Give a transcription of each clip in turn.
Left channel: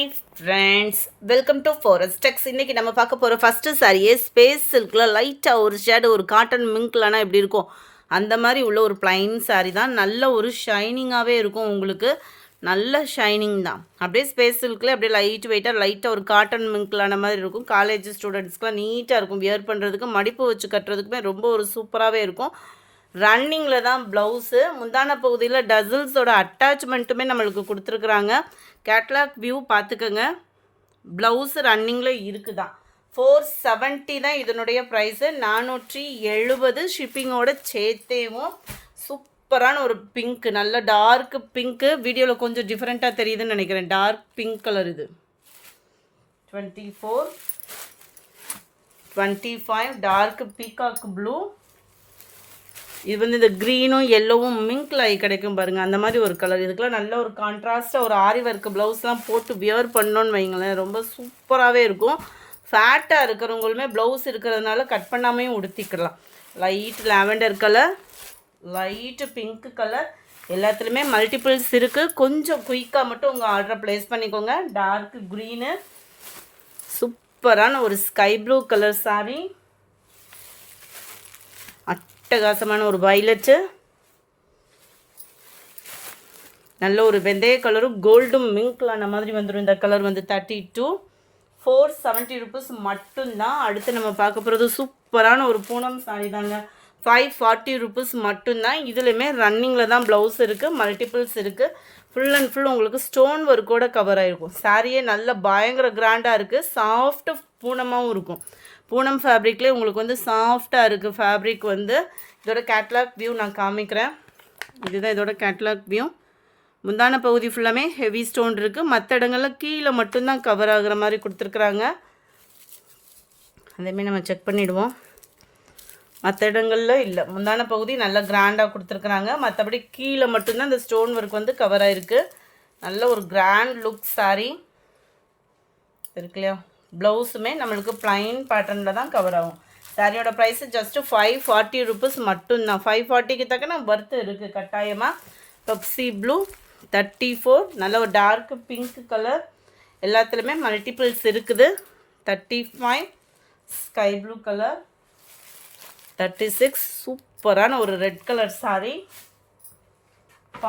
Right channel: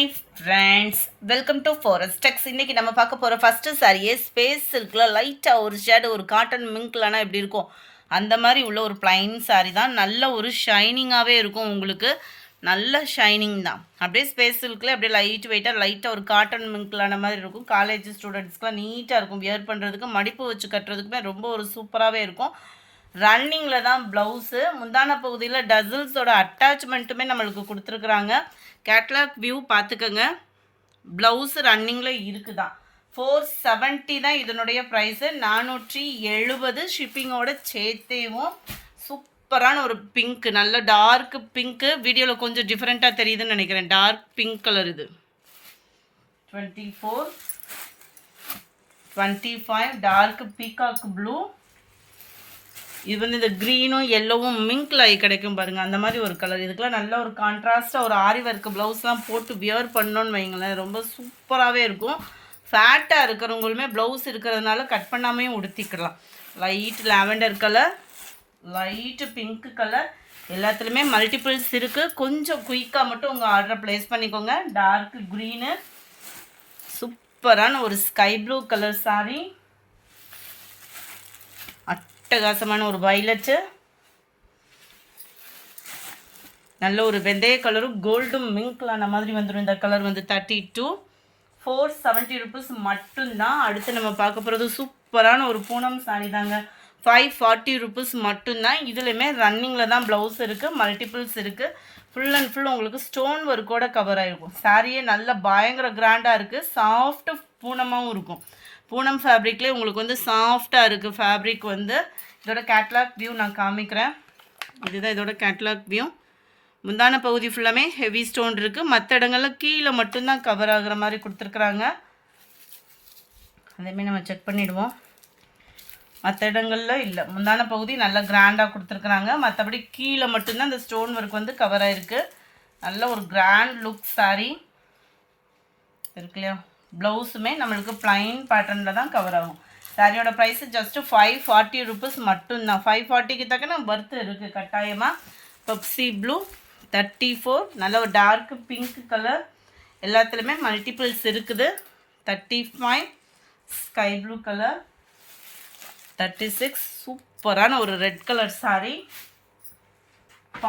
Hi friends, welcome to Forest Tex. இன்றைக்கி நம்ம பார்க்க போகிற ஃபஸ்ட்டு சாரியே ஸ்பேஸ் சில்கில் லைட்டாக ஒரு ஷேடு ஒரு காட்டன் மிங்க்லனா எப்படி இருக்கும் அந்த மாதிரி உள்ள ஒரு பிளைன் சாரி தான். நல்ல ஒரு ஷைனிங்காகவே இருக்கும், உங்களுக்கு நல்ல ஷைனிங் தான். அப்படியே ஸ்பேஸ் சில்கில் அப்படியே லைட்டாக ஒரு காட்டன் மிங்க்லான மாதிரி இருக்கும். காலேஜ் ஸ்டூடெண்ட்ஸ்க்குலாம் நீட்டாக இருக்கும், வியர் பண்ணுறதுக்கு மடிப்பு வச்சு கட்டுறதுக்குமே ரொம்ப ஒரு சூப்பராகவே இருக்கும். ரன்னிங்கில் தான் ப்ளவுஸு. முந்தான பகுதியில் டசில்ஸோட அட்டாச்மெண்ட்டுமே நம்மளுக்கு கொடுத்துருக்குறாங்க. கேட்லாக் வியூ பார்த்துக்கோங்க. ப்ளவுஸு ரன்னிங்கில் இருக்குதான். 470 தான் இதனுடைய ப்ரைஸு. 470 ஷிப்பிங்கோட சேர்த்தேவும். சூப்பரான ஒரு பிங்க், நல்ல டார்க் பிங்க்கு. வீடியோவில் கொஞ்சம் டிஃப்ரெண்ட்டாக தெரியுதுன்னு நினைக்கிறேன். டார்க் பிங்க் கலர் இது. 24, 25 டார்க் பீகாக் ப்ளூ. இது வந்து இந்த க்ரீனும் எல்லோவும் மிங்க்ல ஆகி கிடைக்கும் பாருங்கள், அந்த மாதிரி ஒரு கலர். இதுக்கெலாம் நல்ல ஒரு கான்ட்ராஸ்ட்டாக ஒரு ஆரி ஒர்க் ப்ளவுஸ்லாம் போட்டு வியர் பண்ணோன்னு வைங்களேன், ரொம்ப சூப்பராகவே இருக்கும். ஃபேட்டாக இருக்கிறவங்களுமே ப்ளவுஸ் இருக்கிறதுனால கட் பண்ணாமையும் உடுத்திக்கலாம். Light lavender colour, light pink colour, எல்லாத்துலேயுமே மல்டிபிள்ஸ் இருக்குது. கொஞ்சம் குயிக்காக மட்டும் உங்கள் ஆர்டரை ப்ளேஸ் பண்ணிக்கோங்க. டார்க் க்ரீனு, சூப்பரான ஒரு ஸ்கை ப்ளூ கலர் சாரி, அட்டகாசமான ஒரு வயலட்டு, நல்ல ஒரு வெந்தய கலரும் கோல்டும் மிங்க்லான மாதிரி வந்துடும். இந்த கலர் வந்து 32, 470 ருபீஸ் மட்டும்தான். அடுத்து நம்ம பார்க்க போகிறது சூப்பரான ஒரு பூனம் சாரி தாங்க. 540 ருபீஸ் மட்டும்தான். இதுலையுமே ரன்னிங்கில் தான் ப்ளவுஸ் இருக்குது, மல்டிபிள்ஸ் இருக்குது. ஃபுல் அண்ட் ஃபுல் உங்களுக்கு ஸ்டோன் ஒர்க்கோட கவர் ஆகிருக்கும். சாரியே நல்ல பயங்கர கிராண்டாக இருக்குது. சாஃப்ட்டு பூனமாகவும் இருக்கும். பூனம் ஃபேப்ரிக்லேயே உங்களுக்கு வந்து சாஃப்டாக இருக்குது ஃபேப்ரிக் வந்து. இதோட கேட்லாக் வியூ நான் காமிக்கிறேன். இதுதான் இதோட கேட்லாக் வியூ. முந்தான பகுதி ஃபுல்லாமே ஹெவி ஸ்டோன் இருக்குது. மற்ற இடங்களில் கீழே மட்டும்தான் கவர் ஆகிற மாதிரி கொடுத்துருக்குறாங்க. அதேமாதிரி நம்ம செக் பண்ணிவிடுவோம். மற்ற இடங்களில் இல்லை, முந்தான பகுதி நல்லா கிராண்டாக கொடுத்துருக்குறாங்க. மற்றபடி கீழே மட்டும்தான் இந்த ஸ்டோன் ஒர்க் வந்து கவர் ஆகிருக்கு. நல்ல ஒரு கிராண்ட் லுக் சாரீ இருக்கு இல்லையா. ப்ளவுஸுமே நம்மளுக்கு ப்ளைன் பேட்டர்னில் தான் கவர் ஆகும். சாரியோட ப்ரைஸு ஜஸ்ட்டு 540 ருபீஸ் மட்டும்தான். 540க்கு தக்கன ஒர்த்து இருக்குது கட்டாயமாக. பெப்சி ப்ளூ 34, நல்ல ஒரு டார்க் பிங்க் கலர், எல்லாத்துலேயுமே மல்டிபிள்ஸ் இருக்குது. 35 ஸ்கை ப்ளூ கலர், 36 சூப்பரான ஒரு ரெட் கலர் சாரி.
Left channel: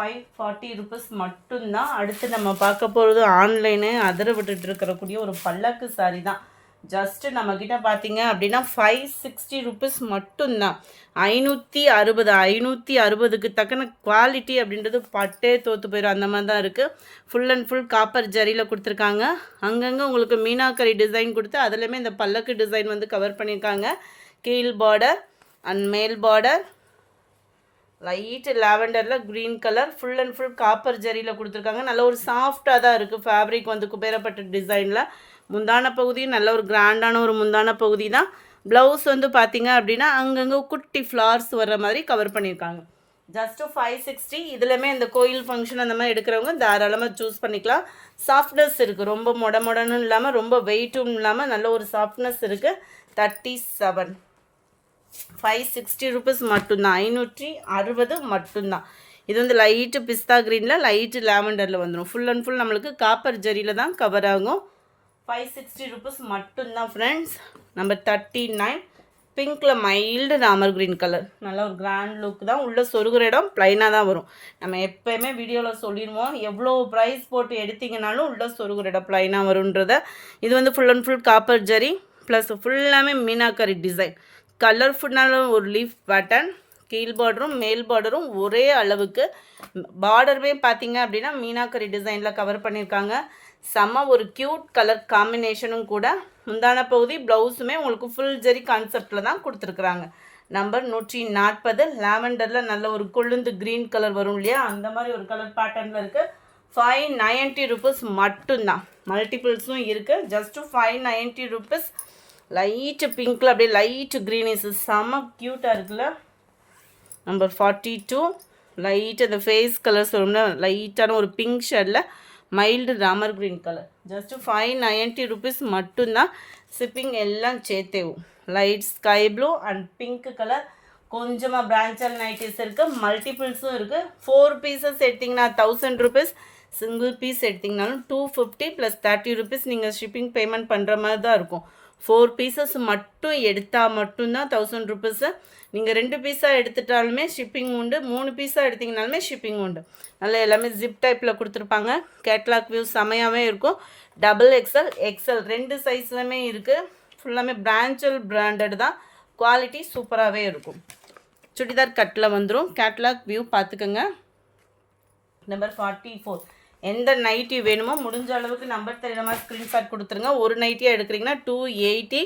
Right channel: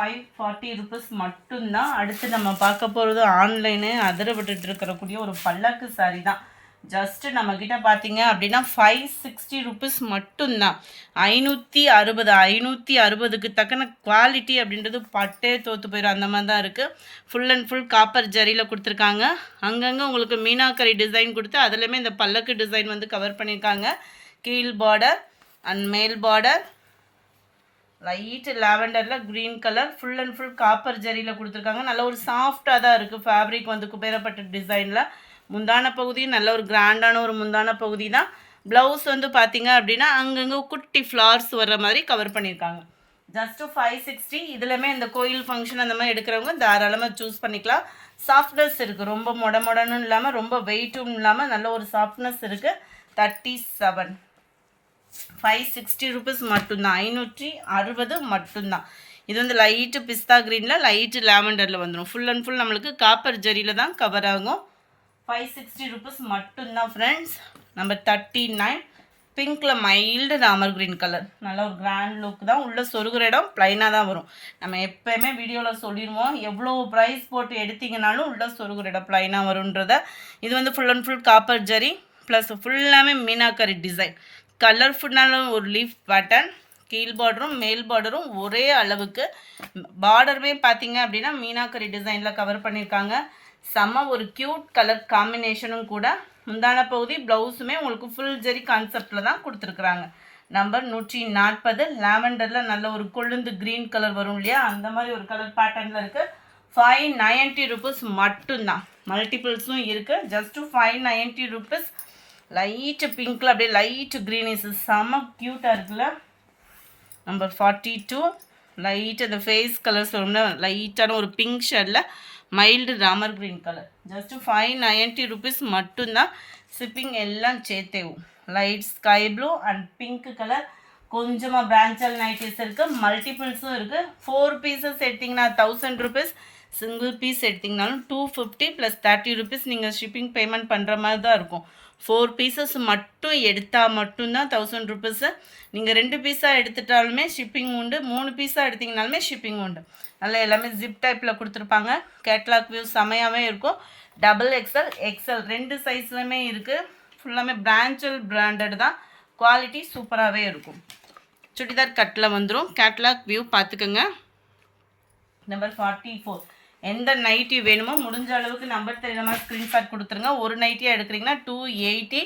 540 ருபீஸ் மட்டும்தான். அடுத்து நம்ம பார்க்க போகிறது ஆன்லைனு அதிர விட்டுட்டு இருக்கக்கூடிய ஒரு பல்லக்கு சாரி தான். ஜஸ்ட்டு நம்மக்கிட்ட பார்த்தீங்க அப்படின்னா 560 ருபீஸ் மட்டும்தான். 560க்கு தக்கன குவாலிட்டி அப்படின்றது பட்டே தோற்று போயிடும், அந்த மாதிரி தான் இருக்குது. ஃபுல் அண்ட் ஃபுல் காப்பர் ஜரியில் கொடுத்துருக்காங்க. அங்கங்கே உங்களுக்கு மீனாக்கரி டிசைன் கொடுத்து அதுலேயுமே இந்த பல்லக்கு டிசைன் வந்து கவர் பண்ணியிருக்காங்க. கீழ் பார்டர் அண்ட் மேல் பார்டர் லைட்டு லாவெண்டரில் green colour, full and full copper ஜரியில் கொடுத்துருக்காங்க. நல்ல ஒரு சாஃப்டாக தான் இருக்குது ஃபேப்ரிக் வந்து குபேரப்பட்ட டிசைனில். முந்தான பகுதியும் நல்ல ஒரு கிராண்டான ஒரு முந்தான பகுதி தான். ப்ளவுஸ் வந்து பார்த்திங்க அப்படின்னா அங்கங்கே குட்டி ஃப்ளார்ஸ் வர்ற மாதிரி கவர் பண்ணியிருக்காங்க. ஜஸ்ட்டு 560. இதுலையுமே இந்த கோயில் ஃபங்க்ஷன் அந்த மாதிரி எடுக்கிறவங்க தாராளமாக சூஸ் பண்ணிக்கலாம். சாஃப்ட்னஸ் இருக்குது, ரொம்ப மொடன்னு இல்லாமல் ரொம்ப வெயிட்டும் இல்லாமல் நல்ல ஒரு சாஃப்ட்னஸ் இருக்குது. 37, 560 ருபீஸ் மட்டும்தான். 560 மட்டும்தான். இது வந்து லைட்டு பிஸ்தா க்ரீனில் லைட்டு லாவெண்டரில் வந்துடும். ஃபுல் அண்ட் ஃபுல் நம்மளுக்கு காப்பர் ஜரியில் தான் கவர் ஆகும். 560 ருபீஸ் மட்டும்தான் ஃப்ரெண்ட்ஸ். நம்பர் 39 பிங்க்கில் மைல்டு ராமர் க்ரீன் கலர், நல்ல ஒரு கிராண்ட் லுக் தான். உள்ளே சொருகிற இடம் ப்ளைனாக தான் வரும். நம்ம எப்போயுமே வீடியோவில் சொல்லிடுவோம், எவ்வளோ ப்ரைஸ் போட்டு எடுத்திங்கனாலும் உள்ளே சொருகிற இடம் ப்ளைனாக வரும்ன்றத. இது வந்து full and full copper zari plus ஃபுல்லாமே மீனாக்கரி டிசைன். கலர்ஃபுல்லான ஒரு லீஃப் பேட்டர்ன். கீழ் பார்டரும் மேல் பார்டரும் ஒரே அளவுக்கு. பார்டருமே பார்த்தீங்க அப்படின்னா மீனாக்கரி டிசைனில் கவர் பண்ணியிருக்காங்க. செம்ம ஒரு க்யூட் கலர் காம்பினேஷனும் கூட. முந்தான பகுதி ப்ளவுஸுமே உங்களுக்கு ஃபுல் ஜெரி கான்செப்டில் தான் கொடுத்துருக்குறாங்க. நம்பர் 140 லாவெண்டரில் நல்ல ஒரு கொழுந்து க்ரீன் கலர் வரும் இல்லையா, அந்த மாதிரி ஒரு கலர் பேட்டர்னில் இருக்குது. 590 ருபீஸ் மட்டும்தான். மல்டிபிள்ஸும் இருக்குது. Just 590 rupees. லைட்டு பிங்க்கில் அப்படியே லைட்டு க்ரீனிஸ் செம்ம க்யூட்டாக இருக்குல்ல. நம்பர் 42 லைட் அந்த ஃபேஸ் கலர் சொல்லணும்னா லைட்டான ஒரு பிங்க் ஷேடில் mild Ramar green colour. Just 590 rupees மட்டும்தான். ஷிப்பிங் எல்லாம் சேர்த்தேவும். Light sky blue and pink colour. கொஞ்சமாக பிரான்ச்சல் நைட்டிஸ் இருக்குது, மல்டிபிள்ஸும் இருக்குது. 4 பீசஸ் எடுத்திங்கன்னா 1000 ருபீஸ். சிங்கிள் பீஸ் எடுத்திங்கனாலும் 250 ப்ளஸ் 30 ருபீஸ் நீங்கள் ஷிப்பிங் பேமெண்ட் பண்ணுற மாதிரி தான் இருக்கும். 4 பீசஸ் மட்டும் எடுத்தால் மட்டும்தான் 1000 ருபீஸு. நீங்கள் 2 பீஸாக எடுத்துட்டாலுமே ஷிப்பிங் உண்டு, 3 பீஸாக எடுத்திங்கனாலுமே ஷிப்பிங் உண்டு. நல்லா எல்லாமே ஜிப் டைப்பில் கொடுத்துருப்பாங்க. கேட்லாக் வியூ செமையாகவே இருக்கும். XXL எக்ஸல் 2 சைஸ்லையுமே இருக்குது. ஃபுல்லாமே பிராண்டட் தான். குவாலிட்டி சூப்பராகவே இருக்கும். சுடிதார் கட்டில் வந்துடும். கேட்லாக் வியூ பார்த்துக்கோங்க. நம்பர் 44. எந்த நைட்டி வேணுமோ முடிஞ்ச அளவுக்கு நம்பர் தெரியாத மாதிரி ஸ்க்ரீன்ஷாட் கொடுத்துருங்க. ஒரு நைட்டியாக எடுக்கிறீங்கன்னா 280,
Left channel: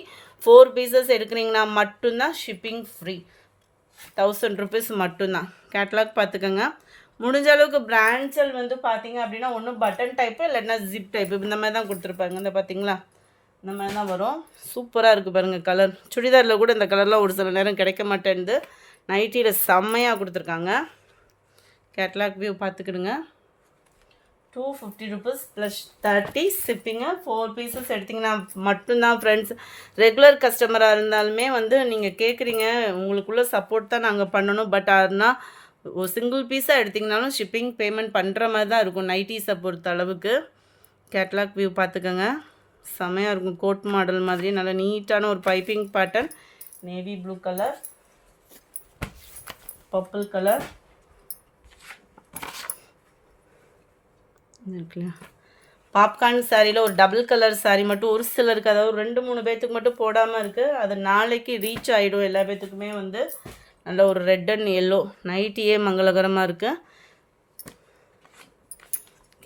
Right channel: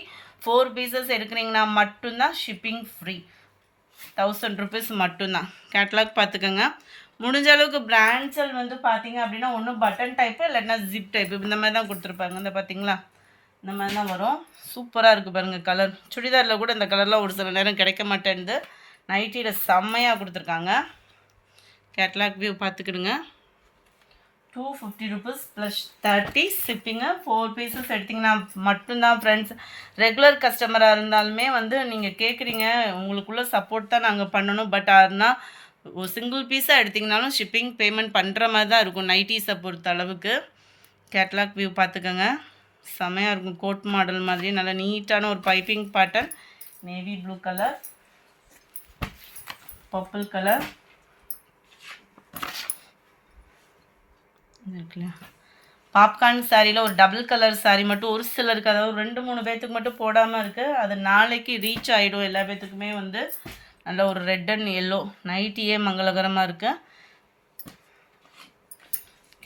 4 பீசஸ் எடுக்கிறீங்கன்னா மட்டும்தான் ஷிப்பிங் ஃப்ரீ. 1000 ருபீஸ் மட்டும்தான். கேட்லாக் பார்த்துக்கோங்க. முடிஞ்ச அளவுக்கு பிராண்ட்ஸல் வந்து பார்த்தீங்க அப்படின்னா ஒன்று பட்டன் டைப்பு இல்லைன்னா ஜிப் டைப்பு இந்த மாதிரி தான் கொடுத்துருப்பாங்க. இந்த பார்த்தீங்களா, இந்த மாதிரி தான் வரும். சூப்பராக இருக்குது பாருங்கள் கலர். சுடிதாரில் கூட இந்த கலர்லாம் ஒரு சில நேரம் கிடைக்க மாட்டேன்து. நைட்டியில் செம்மையாக கொடுத்துருக்காங்க. கேட்லாக் வியூ பார்த்துக்கிடுங்க. 250 ருபீஸ் ப்ளஸ் 30 ஷிப்பிங்கு. 4 பீசஸ் எடுத்திங்கன்னா மட்டும்தான் ஃப்ரெண்ட்ஸ். ரெகுலர் கஸ்டமராக இருந்தாலுமே வந்து நீங்கள் கேட்குறீங்க, உங்களுக்குள்ள சப்போர்ட் தான் நாங்கள் பண்ணணும். பட் ஆனால் ஒரு சிங்கிள் பீஸாக எடுத்திங்கனாலும் ஷிப்பிங் பேமெண்ட் பண்ணுற மாதிரி தான் இருக்கும் நைட்டிஸை பொறுத்த அளவுக்கு. கேட்லாக் வியூ பார்த்துக்கோங்க. செமையாக இருக்கும். கோட் மாடல் மாதிரி நல்லா நீட்டான ஒரு piping pattern. Navy blue colour, purple colour இருக்குல்ல. பாப்கார்ன் சாரியில் ஒரு டபுள் கலர் சாரீ மட்டும் ஒரு சிலருக்கு, அதாவது 2-3 பேர்த்துக்கு மட்டும் போடாமல் இருக்குது. அது நாளைக்கு ரீச் ஆகிடும் எல்லா பேர்த்துக்குமே. வந்து நல்ல ஒரு ரெட் அண்ட் எல்லோ நைட்டியே மங்களகரமாக இருக்குது.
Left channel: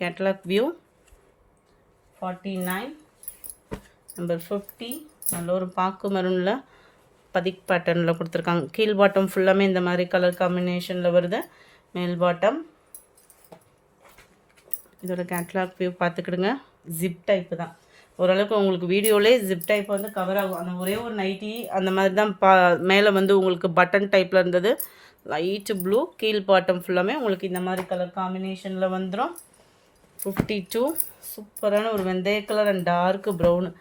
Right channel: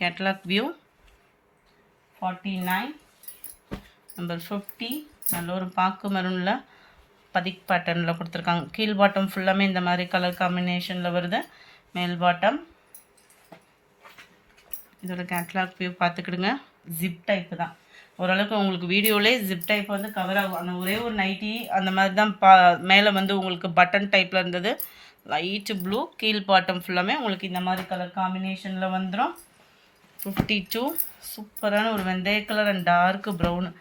Catalogue view 49. நம்பர் 50. நல்ல ஒரு பாக்கு மரூனில் பதிக் பேட்டர்னில் கொடுத்துருக்காங்க. கீழ் பாட்டம் ஃபுல்லாமே இந்த மாதிரி கலர் காம்பினேஷனில் வருது. மேல் பாட்டம். இதோட கேட்லாக் வியூ பார்த்துக்கிடுங்க. ஜிப் டைப்பு தான். ஓரளவுக்கு உங்களுக்கு வீடியோவிலே ஜிப் டைப் வந்து கவர் ஆகும். அந்த ஒரே ஒரு நைட்டி அந்த மாதிரி தான் மேலே வந்து உங்களுக்கு பட்டன் டைப்பில் இருந்தது. Light blue. கீழ் பாட்டம் ஃபுல்லாமே உங்களுக்கு இந்த மாதிரி கலர் காம்பினேஷனில் வந்துடும். 52. சூப்பரான ஒரு வெந்தய கலர் அண்ட் டார்க்கு ப்ரௌனு.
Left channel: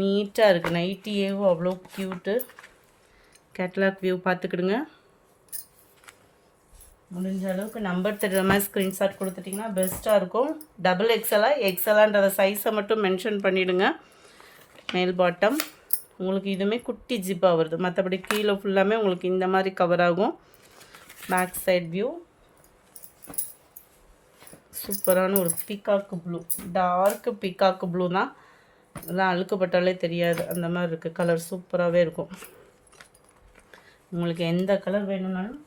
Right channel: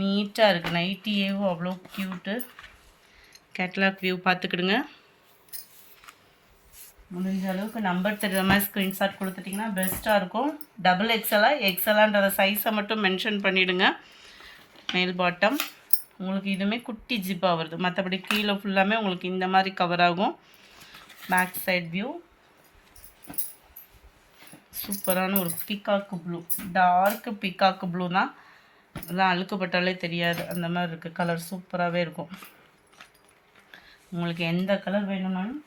நீட்டாக இருக்குது. நைட்டியேவும் அவ்வளோ க்யூட்டு. கேட்லாக் வியூ பார்த்துக்கிடுங்க. முடிஞ்ச அளவுக்கு நம்பர் தெரிகிற மாதிரி ஸ்க்ரீன்ஷாட் கொடுத்துட்டிங்கன்னா பெஸ்ட்டாக இருக்கும். XXL எக்ஸலான்றத சைஸை மட்டும் மென்ஷன் பண்ணிவிடுங்க. மேல் பாட்டம் உங்களுக்கு இதுவுமே குட்டி ஜிப்பாக வருது. மற்றபடி கீழே ஃபுல்லாமே உங்களுக்கு இந்த மாதிரி கவர் ஆகும். பேக் சைட் வியூ சூப்பரான ஒரு peacock blue. Dark peacock blue தான். அதெல்லாம் அழுக்கப்பட்டாலே தெரியாது. அந்த மாதிரி இருக்குது. கலர் சூப்பராகவே இருக்கும். உங்களுக்கு எந்த கலர் வேணும்னாலும்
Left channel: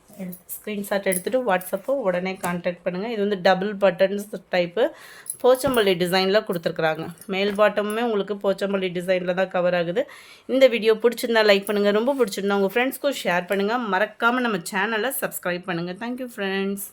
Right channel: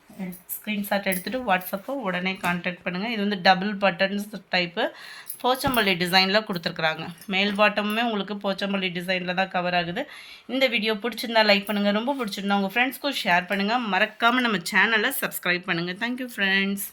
ஸ்க்ரீன்ஷாட் எடுத்துகிட்டு வாட்ஸ்அப்போ உடனே கான்டாக்ட் பண்ணுங்கள். இது வந்து டபுள் பட்டன்ஸ் டைப்பு போச்சம்பள்ளி டிசைனில் கொடுத்துருக்குறாங்க. மேல் பாட்டமுமே உங்களுக்கு போச்சம்பள்ளி டிசைனில் தான் கவர் ஆகுது. இந்த வீடியோ பிடிச்சிருந்தா லைக் பண்ணுங்கள். ரொம்ப பிடிச்சிருந்தா உங்கள் ஃப்ரெண்ட்ஸ்க்கும் ஷேர் பண்ணுங்கள். மறக்காமல் நம்ம சேனலை சப்ஸ்கிரைப் பண்ணுங்கள். Thank you friends.